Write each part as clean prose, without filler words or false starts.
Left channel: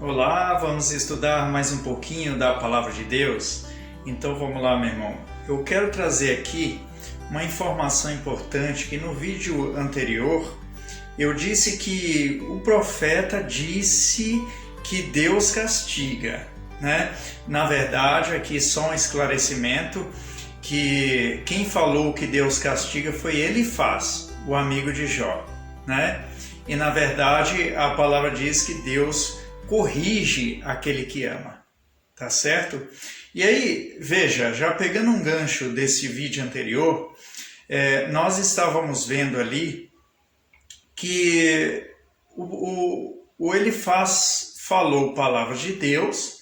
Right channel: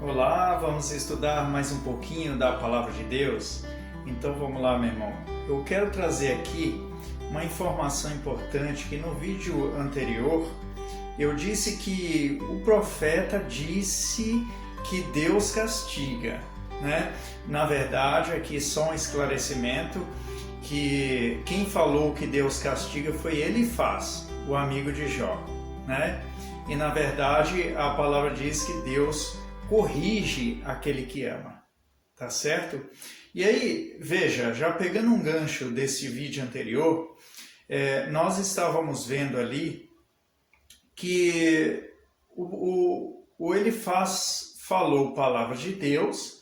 Olá, vamos estudar mais um pouquinho da Palavra de Deus? Então vamos lá, meu irmão. Eu quero trazer aqui uma informação importante que no vídeo anterior eu disse que o profeta disse que Deus castiga, né? Na verdade, aqui só um esclarecimento que quem falou que Deus castiga foi Elifaz, o amigo de Jó, né? E na verdade a palavra diz que Deus corrige aquele que ama, tá certo? E aí, veja, já pegando um gancho desse vídeo anterior, nós estávamos vendo ali que o Elifaz falou palavras de Deus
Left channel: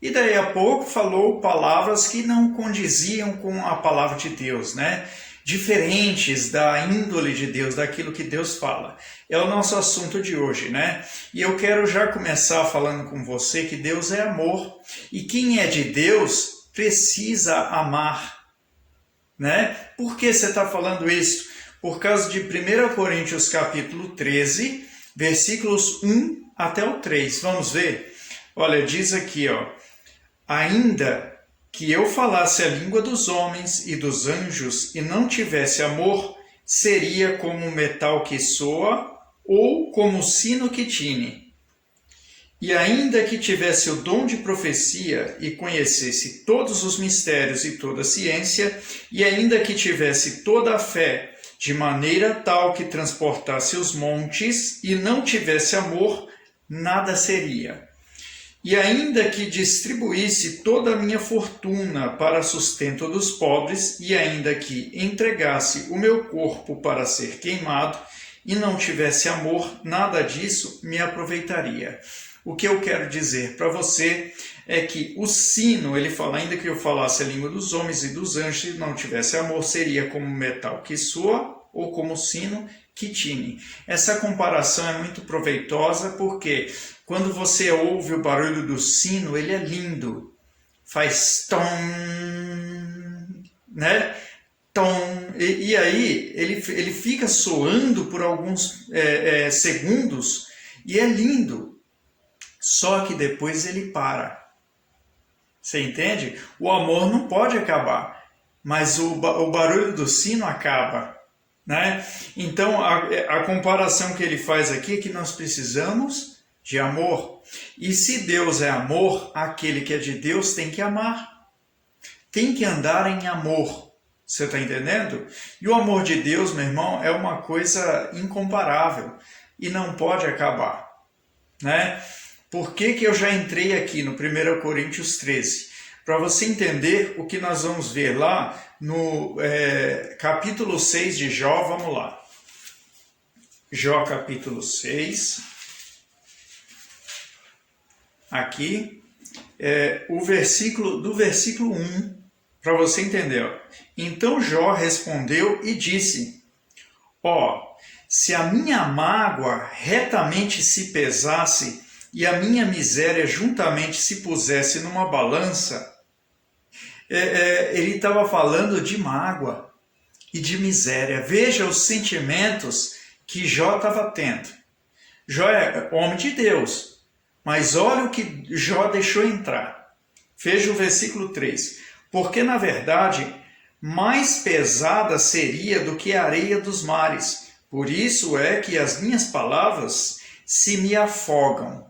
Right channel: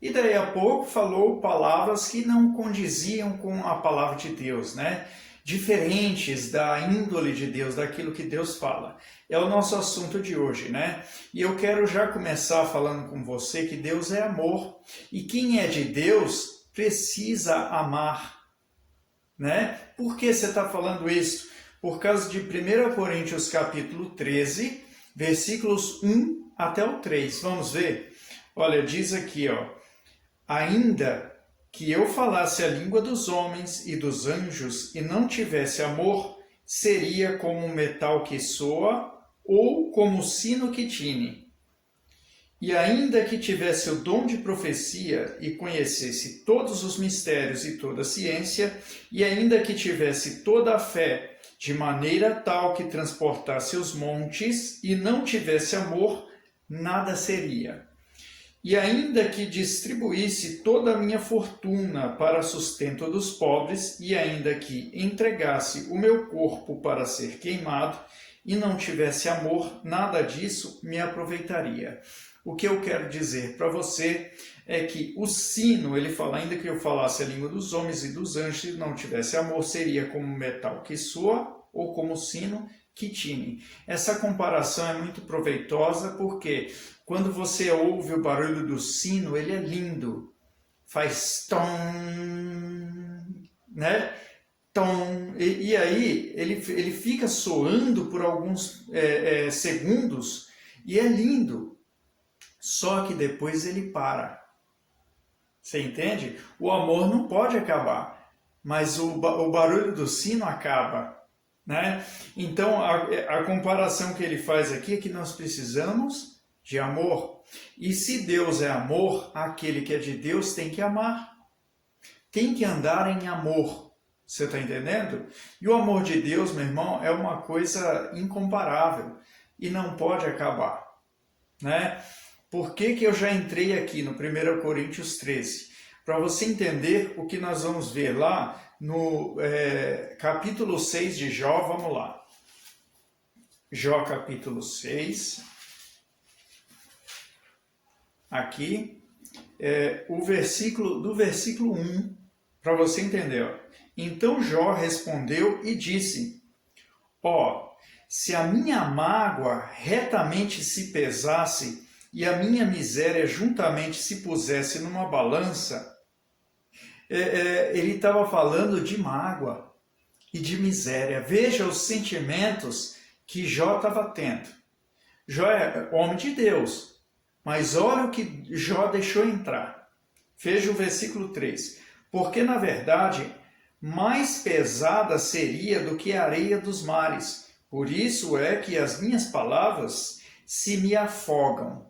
e daí a pouco falou palavras que não condiziam com a palavra de Deus, né? Diferentes da índole de Deus, daquilo que Deus fala. É o nosso assunto de hoje, né? E eu quero já começar falando com você que Deus é amor e quem é de Deus precisa amar, né? Por que você está falando isso? Por causa de 1 Coríntios capítulo 13, versículos 1 até o 3. Vamos ver? Olha, diz aqui, ó. Ainda que eu falasse a língua dos homens e dos anjos e não tivesse amor, seria como um metal que soa ou como um sino que tine. E ainda que tivesse o dom de profecia e conhecesse todos os mistérios e toda a ciência, e ainda que tivesse toda a fé, de maneira tal que transportasse os montes e não tivesse amor, nada seria. E ainda que distribuísse toda a minha fortuna para sustento dos pobres, e ainda que entregasse o meu corpo para ser queimado, e não tivesse amor, nada disso me aproveitaria. O que eu quero dizer para você é que o sino, ele fala, ainda que eu falasse a língua dos homens e dos anjos, e não tivesse amor, seria como metal que soa, ou como sino que tine. Essa comparação é muito proveitosa porque quando você ouve o barulho do sino, ele é lindo. Faz tom, né? Tom. E aí ele fica soando por alguns segundos e é lindo. Só que depois ele para. Você entende? O amor não pode acabar, mas o barulho do sino acaba, né? Então a comparação que ele faz aqui é que nós precisamos de amor. E se Deus é amor, aquele que é de Deus tem que amar. Tem que andar em amor. Você está entendendo? E o amor de Deus, meu irmão, é uma coisa incomparável e não pode acabar, né? Por que eu já entrei aqui no 1 Coríntios 13? Para você entender o que nós vamos ver lá no capítulo 6 de Jó, vamos lá. Jó capítulo 6. Aqui, do versículo 1, para você entender. Ó. Então Jó respondeu e disse, se a minha mágoa retamente se pesasse e a minha miséria juntamente se pusesse numa balança, ele estava falando de mágoa e de miséria. Veja os sentimentos que Jó estava tendo. Jó é homem de Deus, mas olha o que Jó deixou entrar. Veja o versículo 3. Porque, na verdade, mais pesada seria do que a areia dos mares. Por isso é que as minhas palavras se me afogam.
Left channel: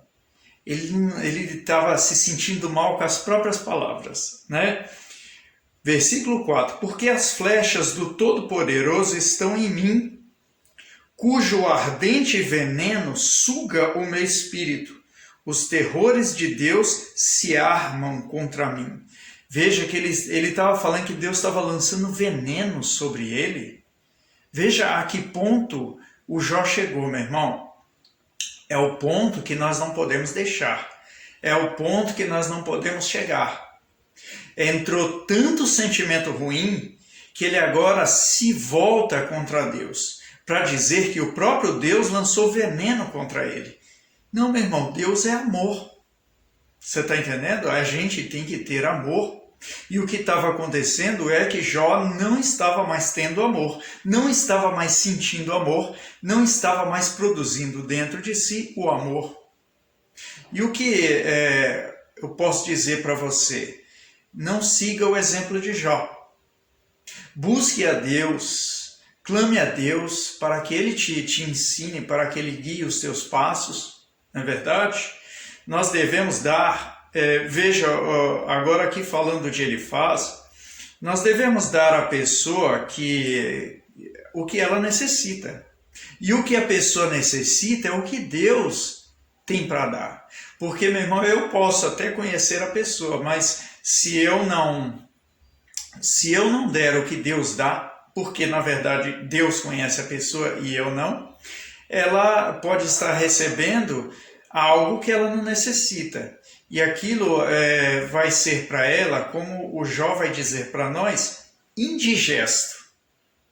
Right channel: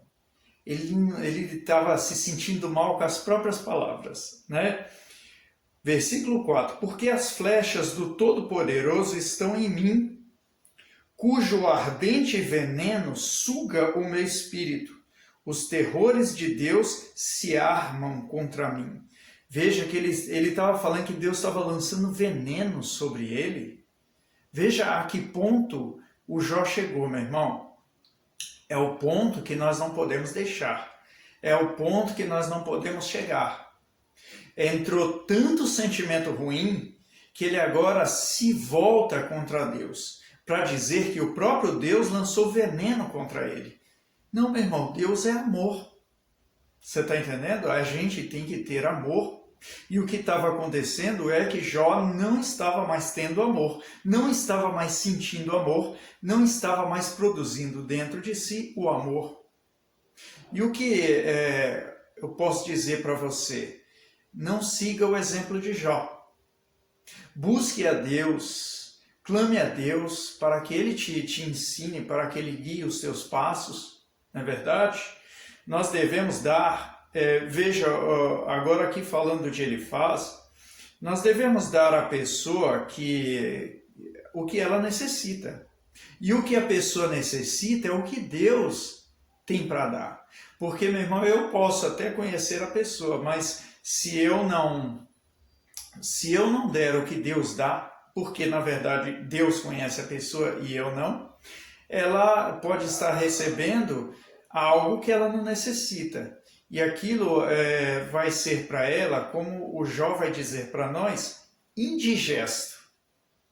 Ele estava se sentindo mal com as próprias palavras, né? Versículo 4. Porque as flechas do Todo-Poderoso estão em mim, cujo ardente veneno suga o meu espírito. Os terrores de Deus se armam contra mim. Veja que ele estava falando que Deus estava lançando veneno sobre ele. Veja a que ponto o Jó chegou, meu irmão. É o ponto que nós não podemos deixar. É o ponto que nós não podemos chegar. Entrou tanto sentimento ruim que ele agora se volta contra Deus, para dizer que o próprio Deus lançou veneno contra ele. Não, meu irmão, Deus é amor. Você está entendendo? A gente tem que ter amor. E o que estava acontecendo é que Jó não estava mais tendo amor, não estava mais sentindo amor, não estava mais produzindo dentro de si o amor. E o que eu posso dizer para você? Não siga o exemplo de Jó. Busque a Deus, clame a Deus para que Ele te ensine, para que Ele guie os seus passos, não é verdade? Nós devemos dar, veja, agora aqui falando de Elifaz, nós devemos dar à pessoa o que ela necessita. E o que a pessoa necessita é o que Deus tem para dar. Porque, meu irmão, eu posso até conhecer a pessoa, mas se eu não der o que Deus dá, porque na verdade Deus conhece a pessoa e eu não, ela pode estar recebendo algo que ela não necessita. E aquilo vai ser para ela, como o Jó vai dizer para nós, indigesto.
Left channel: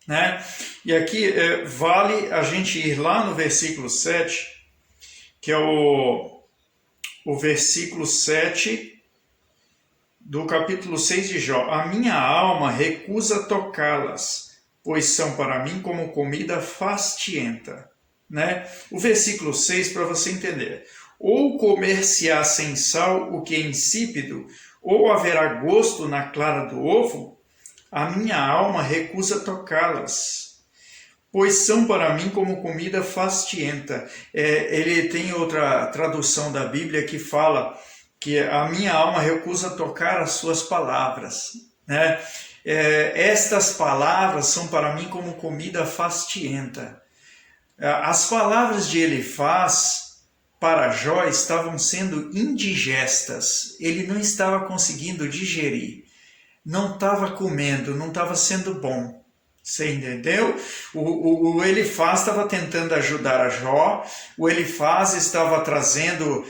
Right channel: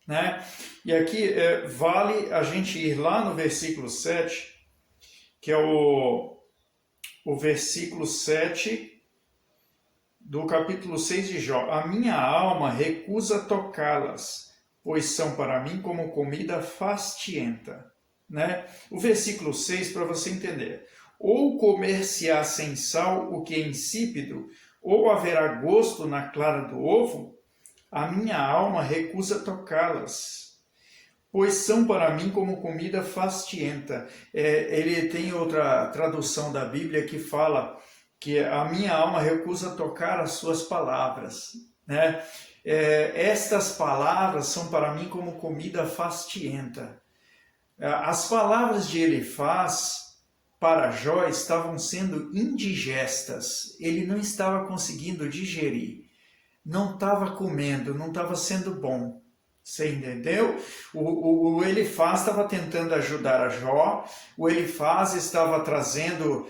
Né? E aqui vale a gente ir lá no versículo 7, que é o versículo 7 do capítulo 6 de Jó. A minha alma recusa tocá-las, pois são para mim como comida fastienta. Né? O versículo 6, para você entender. Ou comer-se-á sem sal o que é insípido, ou haverá gosto na clara do ovo, a minha alma recusa tocá-las, pois são para mim como comida fastienta. Ele tem outra tradução da Bíblia que fala que a minha alma recusa tocar as suas palavras. Né? Estas palavras são para mim como comida fastienta. As palavras de Elifaz para Jó estavam sendo indigestas. Ele não estava conseguindo digerir. Não estava comendo, não estava sendo bom. Você entendeu? O Elifaz estava tentando ajudar a Jó, o Elifaz estava trazendo,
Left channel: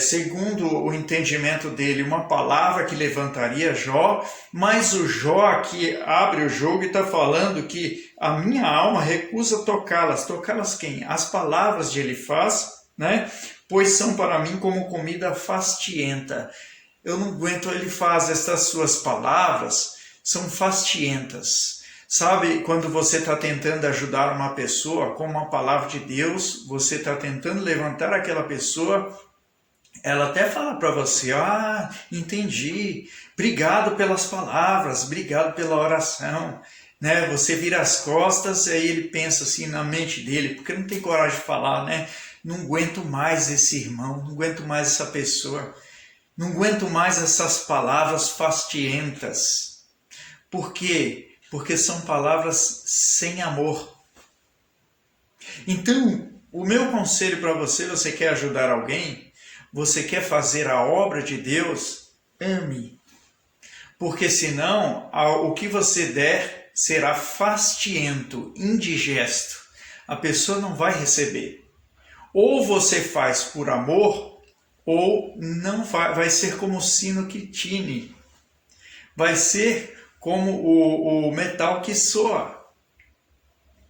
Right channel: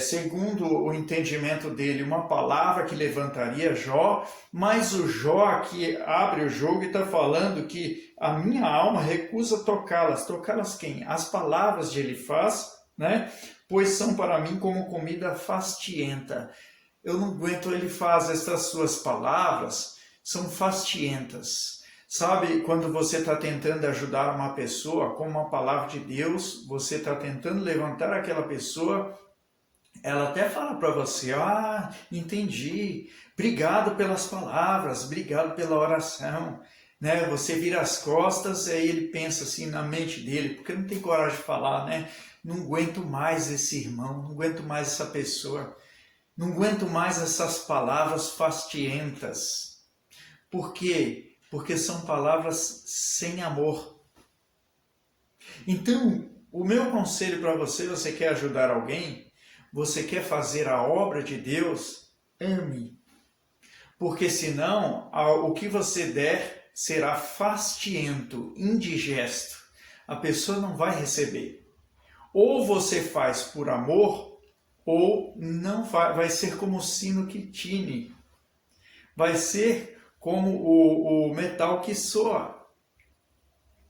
segundo o entendimento dele, uma palavra que levantaria Jó, mas o Jó aqui abre o jogo e está falando que a minha alma recusa tocá-las. Tocá-las quem? As palavras de Elifaz, né? Pois são para mim como comida fastienta. Eu não aguento, Elifaz, estas suas palavras são fastientas. Sabe, quando você está tentando ajudar uma pessoa com uma palavra de Deus, você está tentando levantar aquela pessoa, ela até fala para você, entendi, obrigado pelas palavras, obrigado pela oração. Né? Você vira as costas e ele pensa assim na mente dele, porque não tem coragem de falar, né? Não aguento mais esse irmão, não aguento mais essa pessoa, não aguento mais essas palavras fastientas. Por quê? Porque são palavras sem amor. Então, o meu conselho para você quer ajudar alguém, você quer fazer a obra de Deus, ame. Porque senão, o que você der será fastiento, indigesto. A pessoa não vai receber. Ou você faz por amor, ou não vai ser como o sino que tine. Vai ser como o metal que soa.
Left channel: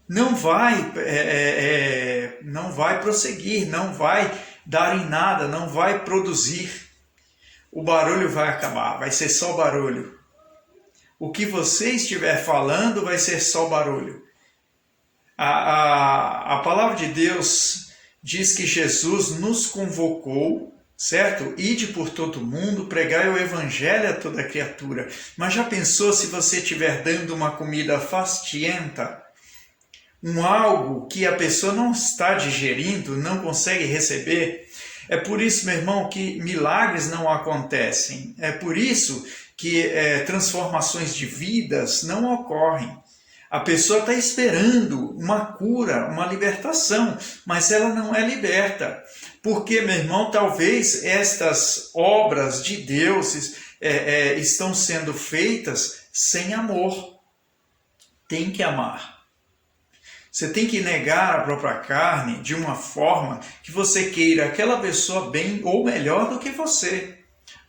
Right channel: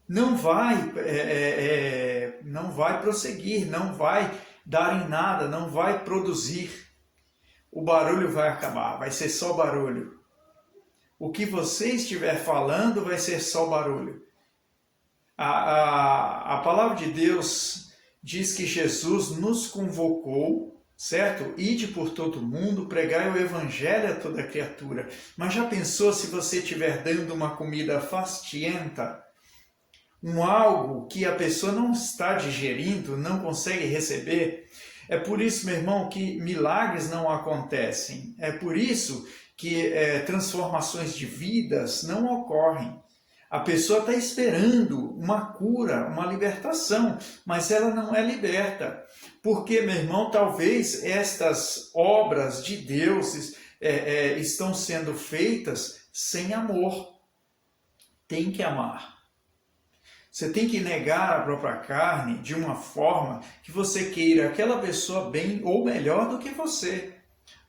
Não vai prosseguir, não vai dar em nada, não vai produzir. O barulho vai acabar, vai ser só barulho. O que você estiver falando vai ser só barulho. A palavra de Deus diz que Jesus nos convocou, certo? Ide por todo mundo, pregai o evangelho a toda criatura. Mas já pensou se você estiver dando uma comida fastienta, algo que a pessoa não está digerindo, não consegue receber? É por isso, meu irmão, que milagres não acontecem. É por isso que transformações de vidas não ocorrem. A pessoa está esperando uma cura, uma libertação, mas ela não é liberta. Porque, meu irmão, talvez estas obras de Deus estão sendo feitas sem amor. Tem que amar. Você tem que negar a própria carne de uma forma que você queira aquela pessoa bem ou melhor do que você.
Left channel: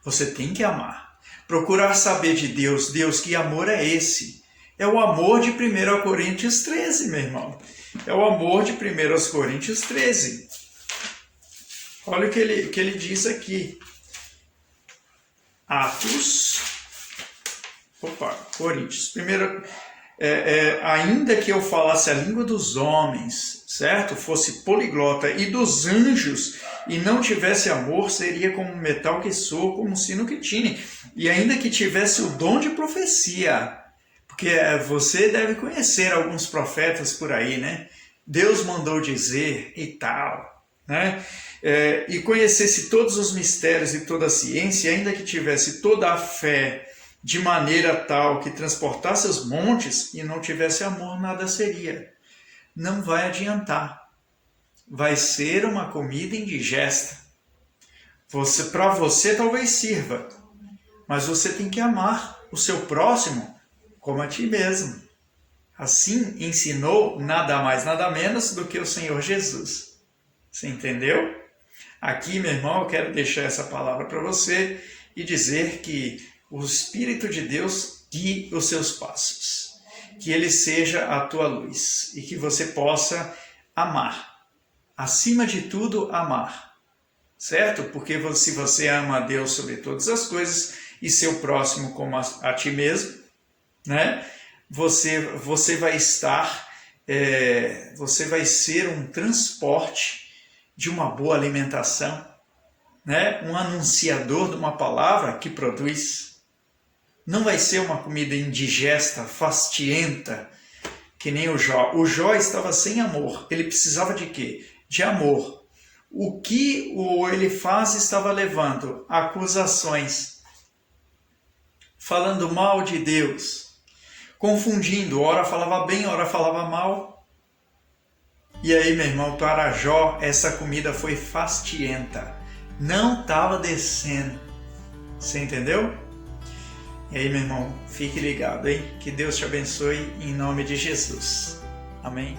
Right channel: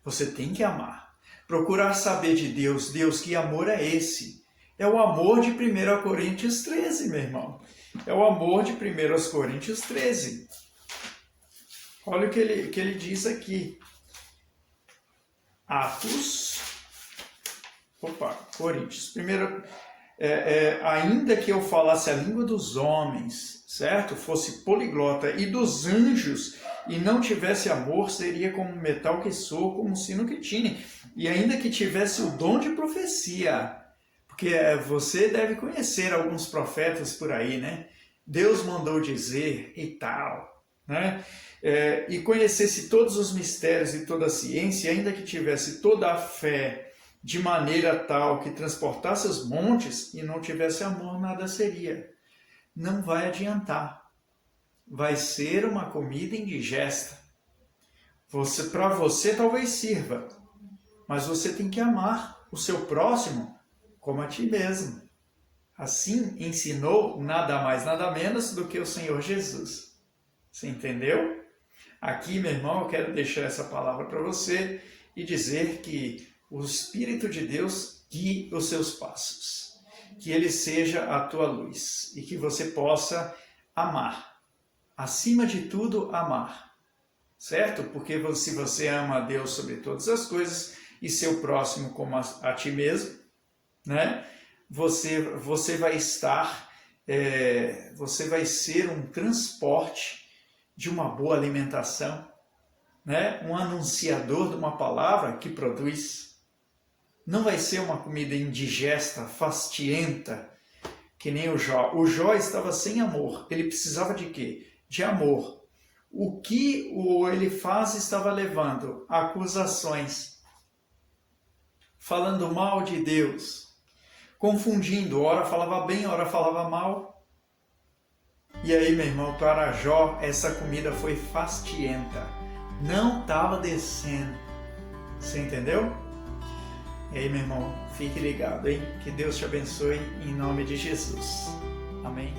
Você tem que amar. Procurar saber de Deus. Deus, que amor é esse? É o amor de 1 Coríntios 13, meu irmão. É o amor de 1 Coríntios 13. Olha o que ele diz aqui. Coríntios. ainda que eu falasse a língua dos homens, certo? Fosse poliglota, e dos anjos, e não tivesse amor, seria como um metal que soa, como um sino que tine. E ainda que tivesse o dom de profecia, porque você deve conhecer alguns profetas por aí, né? Deus mandou dizer e tal, né? E conhecesse todos os mistérios e toda a ciência, e ainda que tivesse toda a fé, de maneira tal que transportasse os montes, e não tivesse amor, nada seria. Não vai adiantar. Vai ser uma comida indigesta. Para você talvez sirva, mas você tem que amar o seu próximo como a ti mesmo. Assim ensinou nada mais, nada menos do que o Senhor Jesus. Você entendeu? Aqui, meu irmão, eu quero deixar essa palavra para você e dizer que o Espírito de Deus guie os seus passos. Que Ele seja a tua luz e que você possa amar. Acima de tudo, amar. Certo? Porque se você ama a Deus sobre todas as coisas e seu próximo como a ti mesmo, né? Você vai estar, você vai ser um transporte de uma boa alimentação, né? Um anunciador de uma palavra que produz. Não vai ser uma comida indigesta, fastienta, que nem o Jó. O Jó estava sem amor. Ele precisava de quê? De amor. O que ele faz estava levando acusações, falando mal de Deus, confundindo, ora falava bem, ora falava mal. E aí, meu irmão, para Jó, essa comida foi fastienta. Não estava descendo. Você entendeu? E aí, meu irmão, fique ligado, hein? Que Deus te abençoe em nome de Jesus. Amém?